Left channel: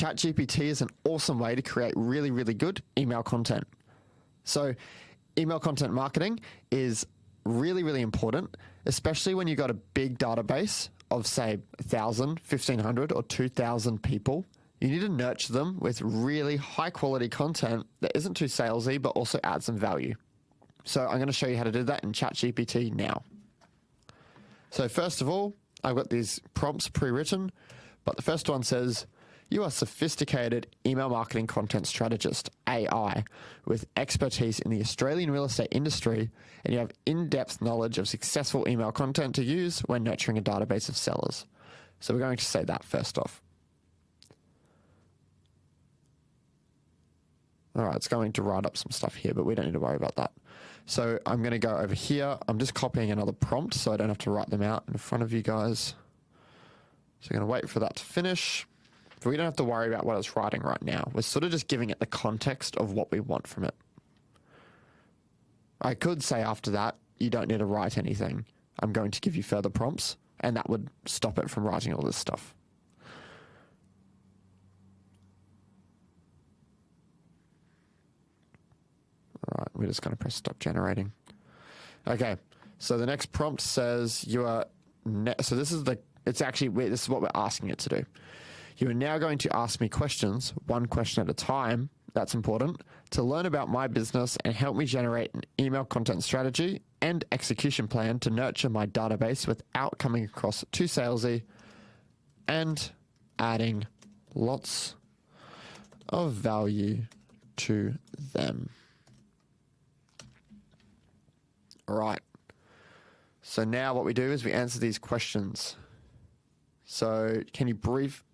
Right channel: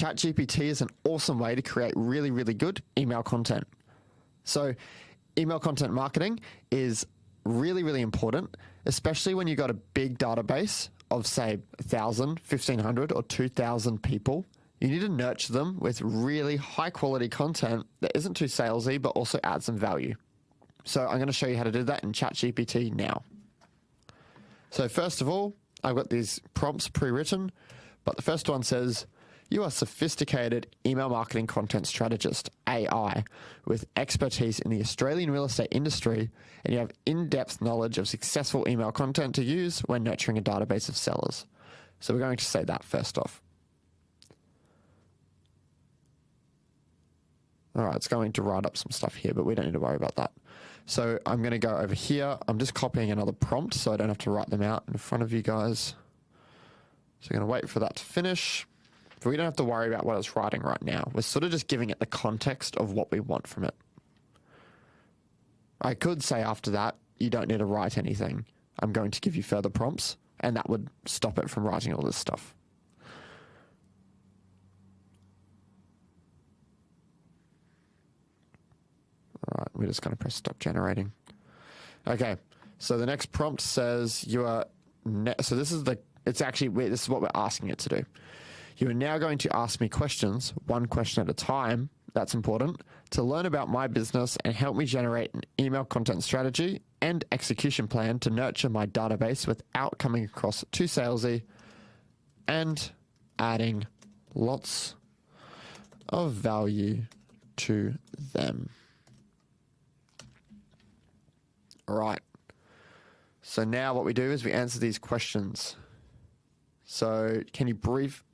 ChatGPT is an awesome way to create really, really good email content. So email content marketing is really, really important, especially when you've got a big database of, say, 1,000, 1,500 or 2,000 people. You need to nurture them with really high quality content that isn't too salesy, but also adds some value. So I'm going to show you how to do that in ChatGPT now. So first of all, I've got these prompts pre-written, but the first one says, you are a sophisticated email marketing content strategist, AI, with expertise in the Australian real estate industry, and you have in-depth knowledge of successful email content to use when nurturing a database of sellers. So we're going to say that first off. All right, it's going to write up some stuff here, but we don't need to worry about that. So I'm going to go over here. I'm just copying another prompt so I don't have to write them out in front of you guys. So I'm going to wait for that to finish. But we don't have to worry about what it's writing right now. We're sort of just giving it the context of what we want from it. I could say after that, you don't need to write anything. I'm going to give you further prompts, and that would stop it from writing all this stuff. All right, we're just going to press stop generating. Okay, so the next prompt says you are, so this is this is what we're asking it to do. You are now going to ask me questions, one question at a time, that's important, to learn about my business and help me generate an email content strategy and execution plan to nurture my database without coming across too salesy and adding lots of value to them. All right. So now what we do is we answer these questions. So can you brief...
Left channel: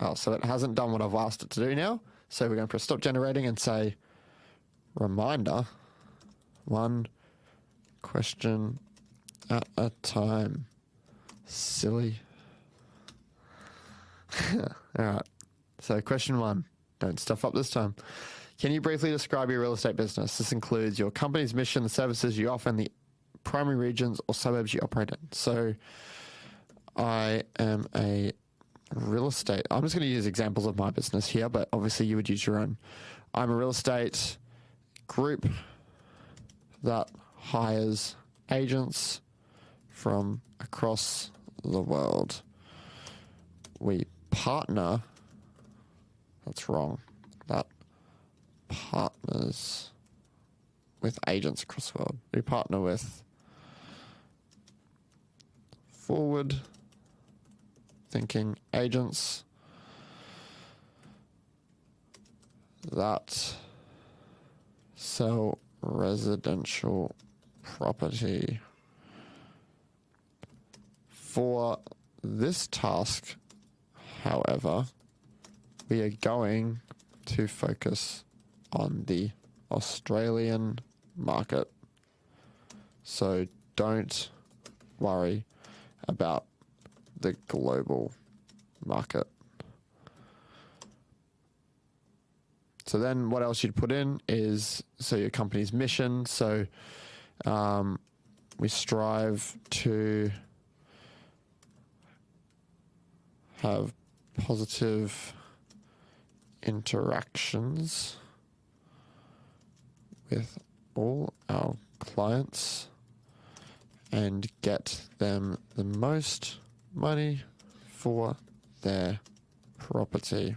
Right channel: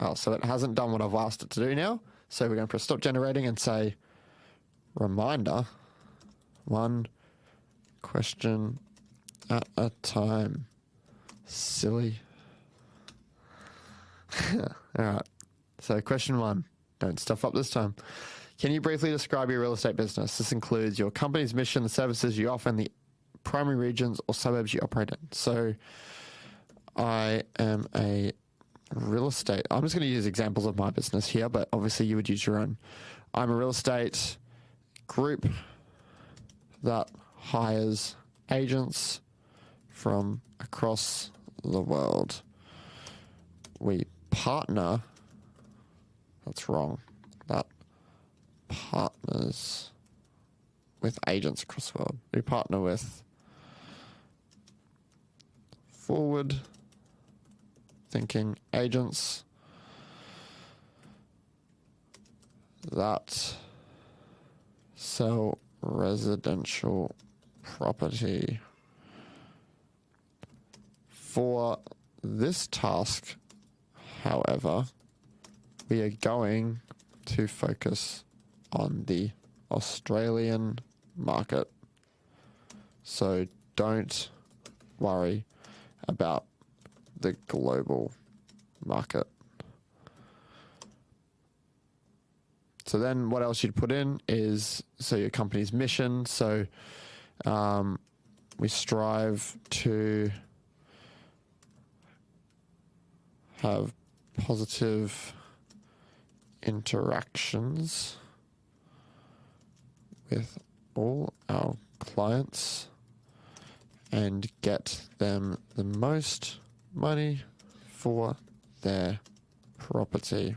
Oh, so it hasn't done what I've asked it to do now. So we're going to press stop generating and say, reminder, one question at a time. Silly. All right. So question one, don't stuff up this time. Can you briefly describe your real estate business? This includes your company's mission, the services you offer in the primary regions or suburbs you operate in. So I am a real estate. I'm just going to use examples of my business here, but obviously you would use your own. I'm a real estate group that hires agents from across the world. We partner, that's wrong, that partners with agents across the world. We partner with forward thinking agents that sell residential property. For this task, however, we are going to focus on the Australian market. So don't worry about the global market. So then what else you'd put in is, so your company's mission. So we strive to have positive interactions with all our clients and get them the most money for their property.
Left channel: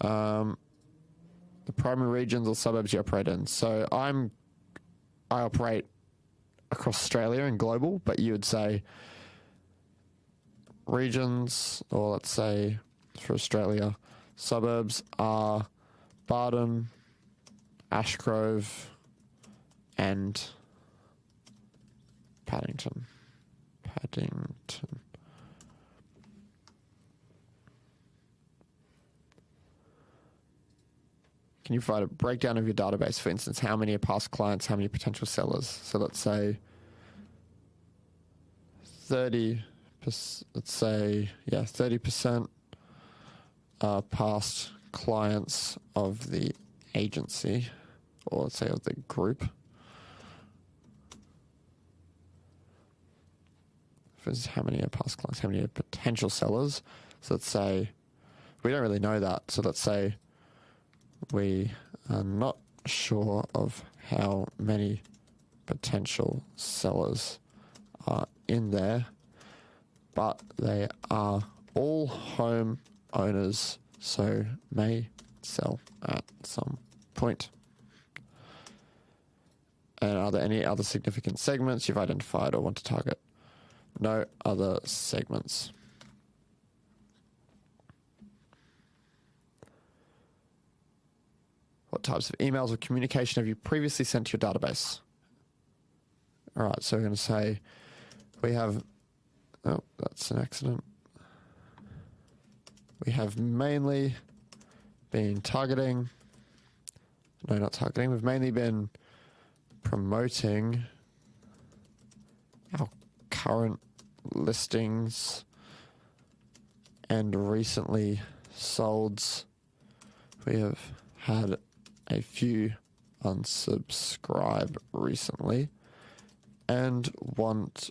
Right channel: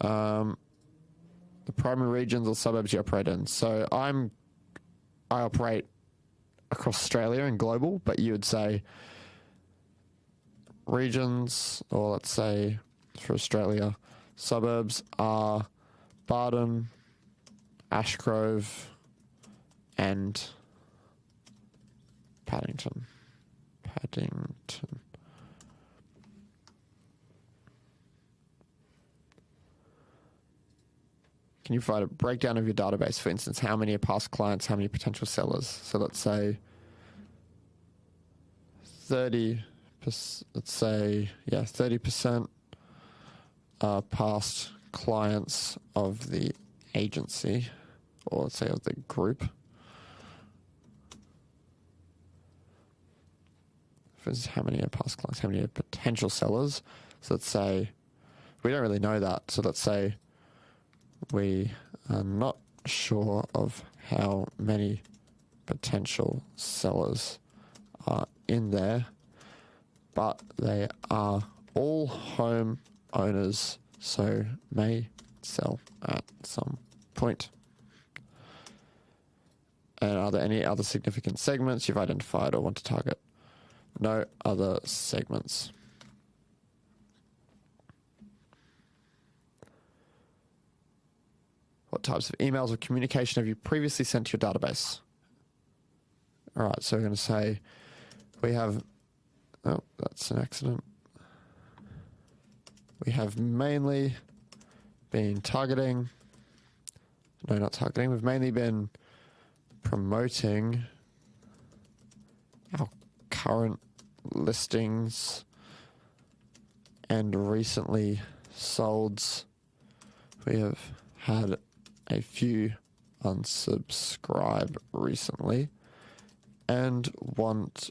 The primary regions or suburbs you operate in. So I operate across Australia and global, but you would say regions, or let's say for Australia, suburbs are Barton, Ashgrove, and Paddington. Can you provide a breakdown of your database? For instance, how many are past clients, how many potential sellers? So let's say 30%, let's say, 30% are past clients of the agency, or let's say of the group. For instance, how many are past clients, how many are potential sellers? So let's say we don't really know that. So let's say we are not sure of how many potential sellers are in there, but they are all home owners, so may sell at some point. And are there any other significant segments you've identified or want to target? No other segments. What types of emails or communication have you previously sent to your database? All right, so we're going to say we have, oh, that's an accident. We have mainly been targeting, no, not targeting, we've mainly been promoting our current listings and recently solds. We have had a few unsubscribe recently and want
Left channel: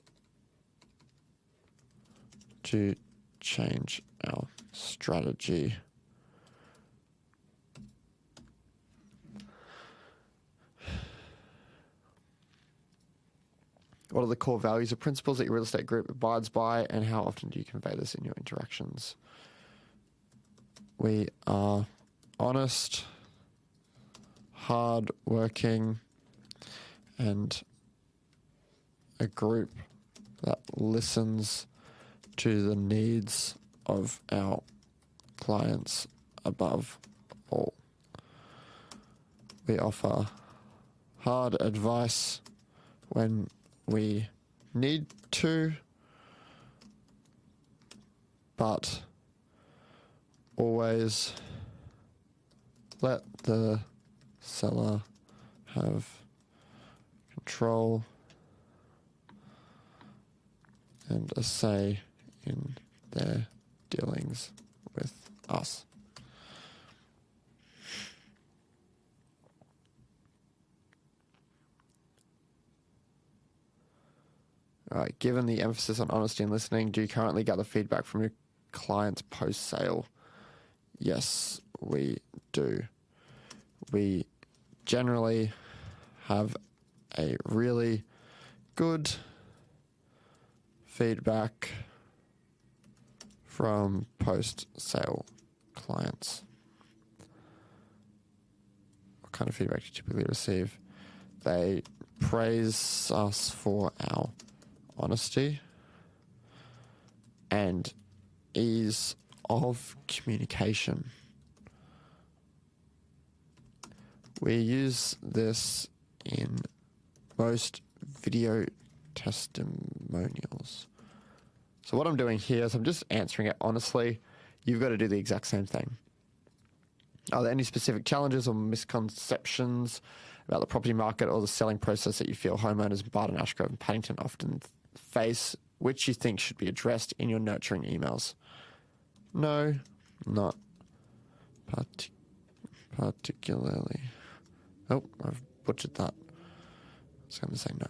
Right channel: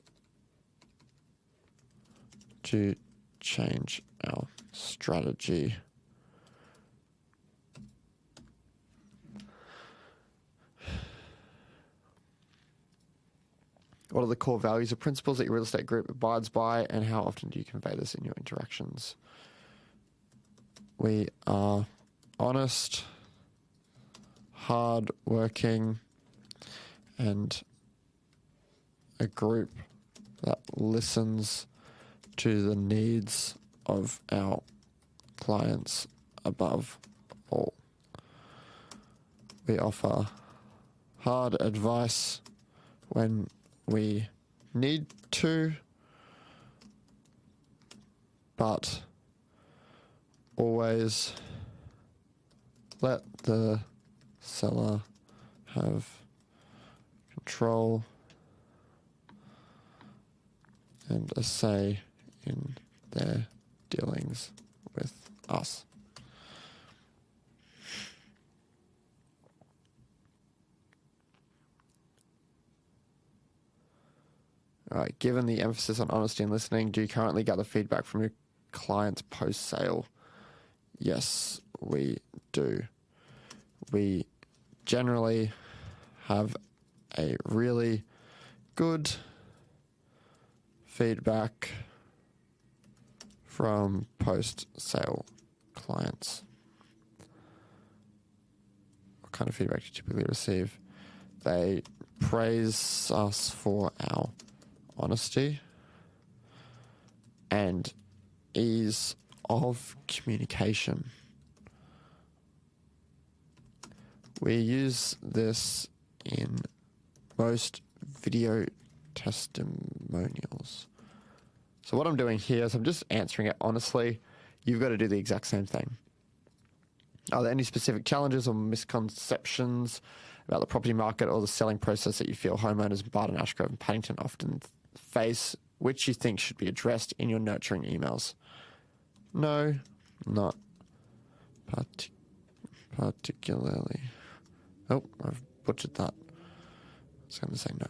to change our strategy. What are the core values or principles that your real estate group abides by, and how often do you convey this in your interactions? We are honest, hard-working, and a group that listens to the needs of our clients above all. We offer hard advice when we need to, but always let the seller have control and a say in their dealings with us. All right, given the emphasis on honesty and listening, do you currently gather feedback from your clients post-sale? Yes, we do. We generally have a really good feedback from post-sale clients. What kind of feedback do you typically receive? They praise us for our honesty and ease of communication. We use this in most video testimonials. So what I'm doing here is I'm just answering it honestly. You've got to do the exact same thing. Are there any specific challenges or misconceptions about the property market or the selling process that you feel homeowners in Barton, Ashgrove and Paddington often face, which you think should be addressed in your nurturing emails? No, not particularly. Oh, I've butchered that. I was going to say no.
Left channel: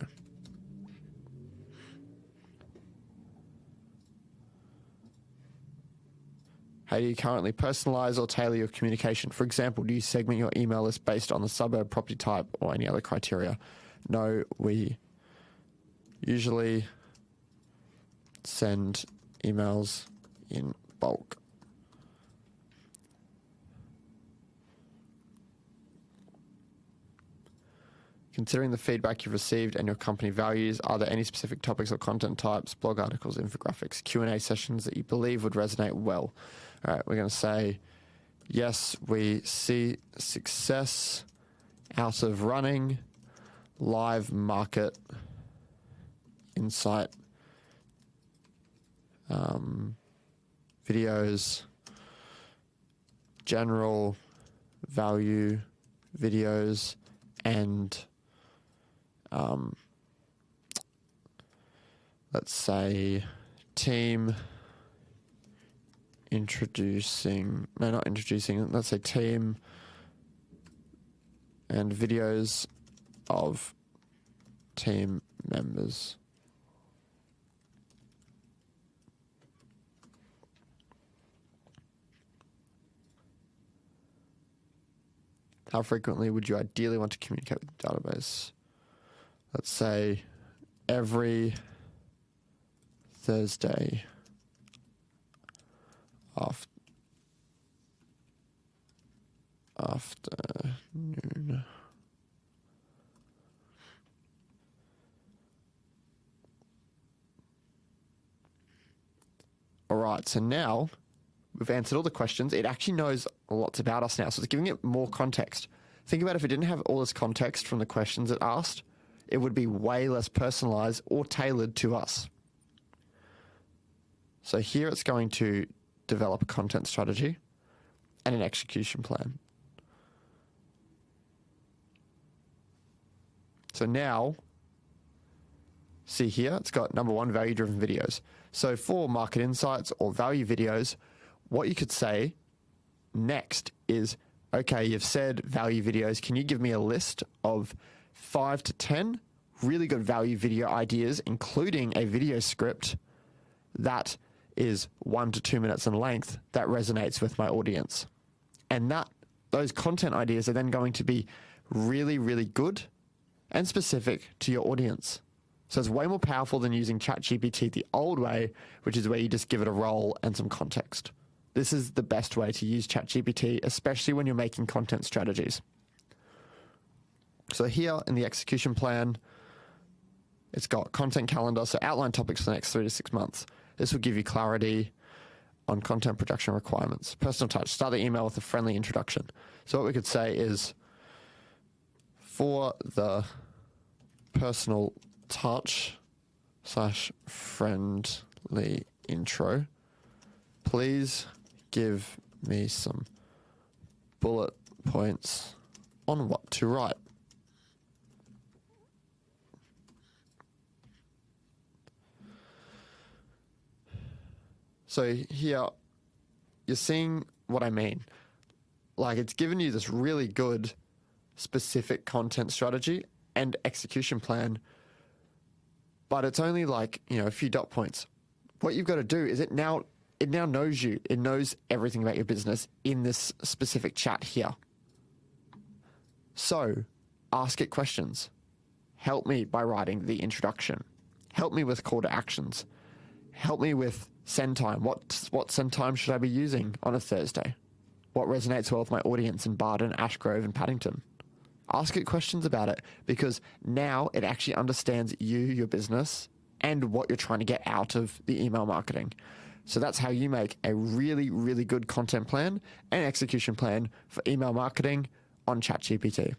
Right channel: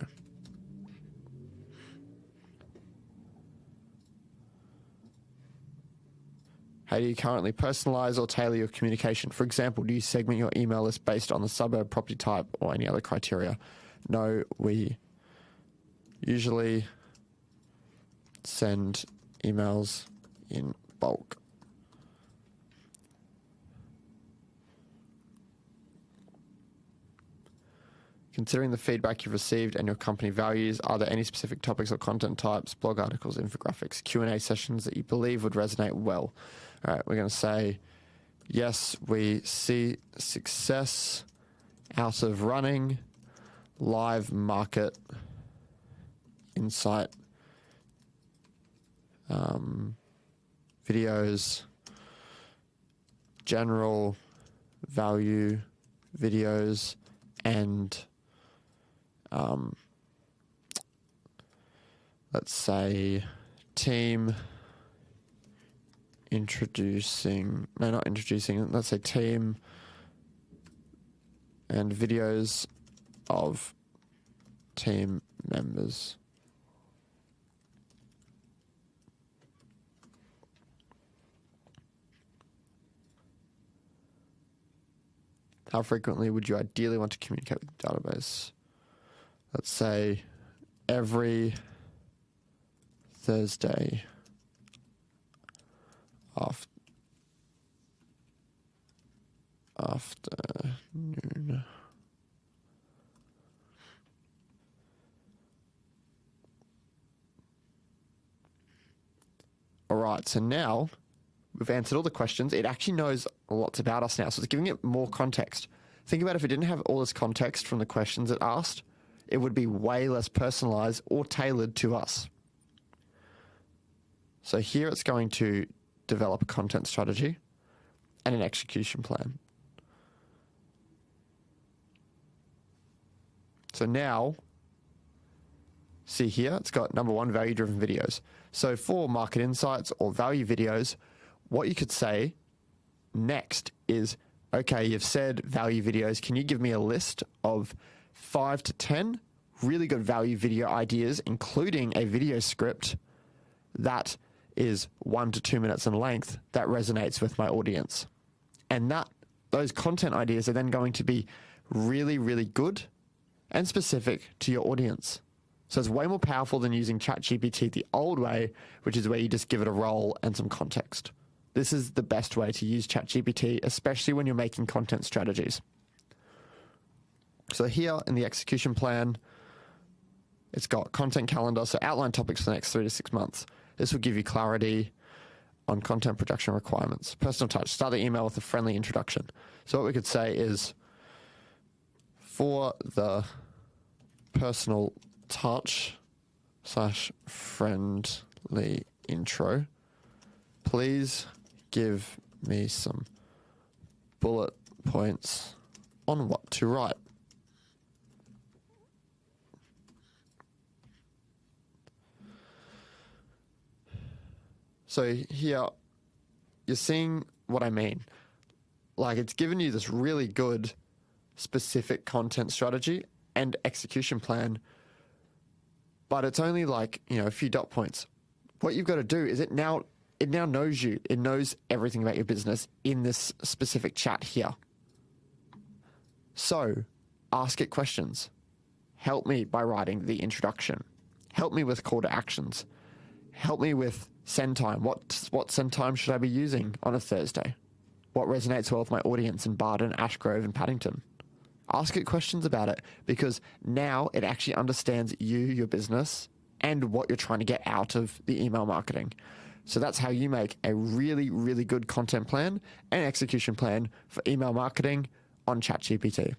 How do you currently personalize or tailor your communication? For example, do you segment your email list based on the suburb, property type, or any other criteria? No, we usually send emails in bulk. Considering the feedback you've received and your company values, are there any specific topics or content types, blog articles, infographics, Q&A sessions that you believe would resonate well? All right, we're going to say, yes, we see success out of running live market insight videos, general value videos, and let's say team let's say team and videos of team members. How frequently would you ideally want to communicate with the database? Let's say every Thursday afternoon. All right, so now we've answered all the questions. It actually knows lots about us now, so it's giving it more context. Think about if it didn't have all this context from the questions it asked, it would be way less personalized or tailored to us. So here it's going to develop a content strategy and an execution plan. So now, see here, it's got number 1, value-driven videos. So for market insights or value videos, what you could say next is, okay, you've said value videos. Can you give me a list of 5 to 10 really good value video ideas, including a video script that is 1 to 2 minutes in length that resonates with my audience? And those content ideas are then going to be really, really good and specific to your audience. So it's way more powerful than using ChatGPT the old way, which is where you just give it a role and some context. This is the best way to use ChatGPT, especially when you're making content strategies. So here in the execution plan, it's got content calendar, so outline topics for the next 3 to 6 months. This will give you clarity on content production requirements. Personal touch, start the email with a friendly introduction. So what we could say is, for the personal touch / friendly intro, please give me some bullet points on what to write. So here, you're seeing what I mean. Like, it's given you this really good specific content strategy and execution plan, but it's only like, a few dot points. What you've got to do is it now knows you. It knows everything about your business in this specific chat here. So ask it questions. Help me by writing the introduction. Help me with call to actions. Help me with send time. What send time should I be using on a Thursday? What resonates well with my audience in Barden, Ashgrove, and Paddington? Ask it questions about it, because now it actually understands you, your business, and what you're trying to get out of the email marketing. So that's how you make a really, really good content plan and execution plan for email marketing on ChatGPT.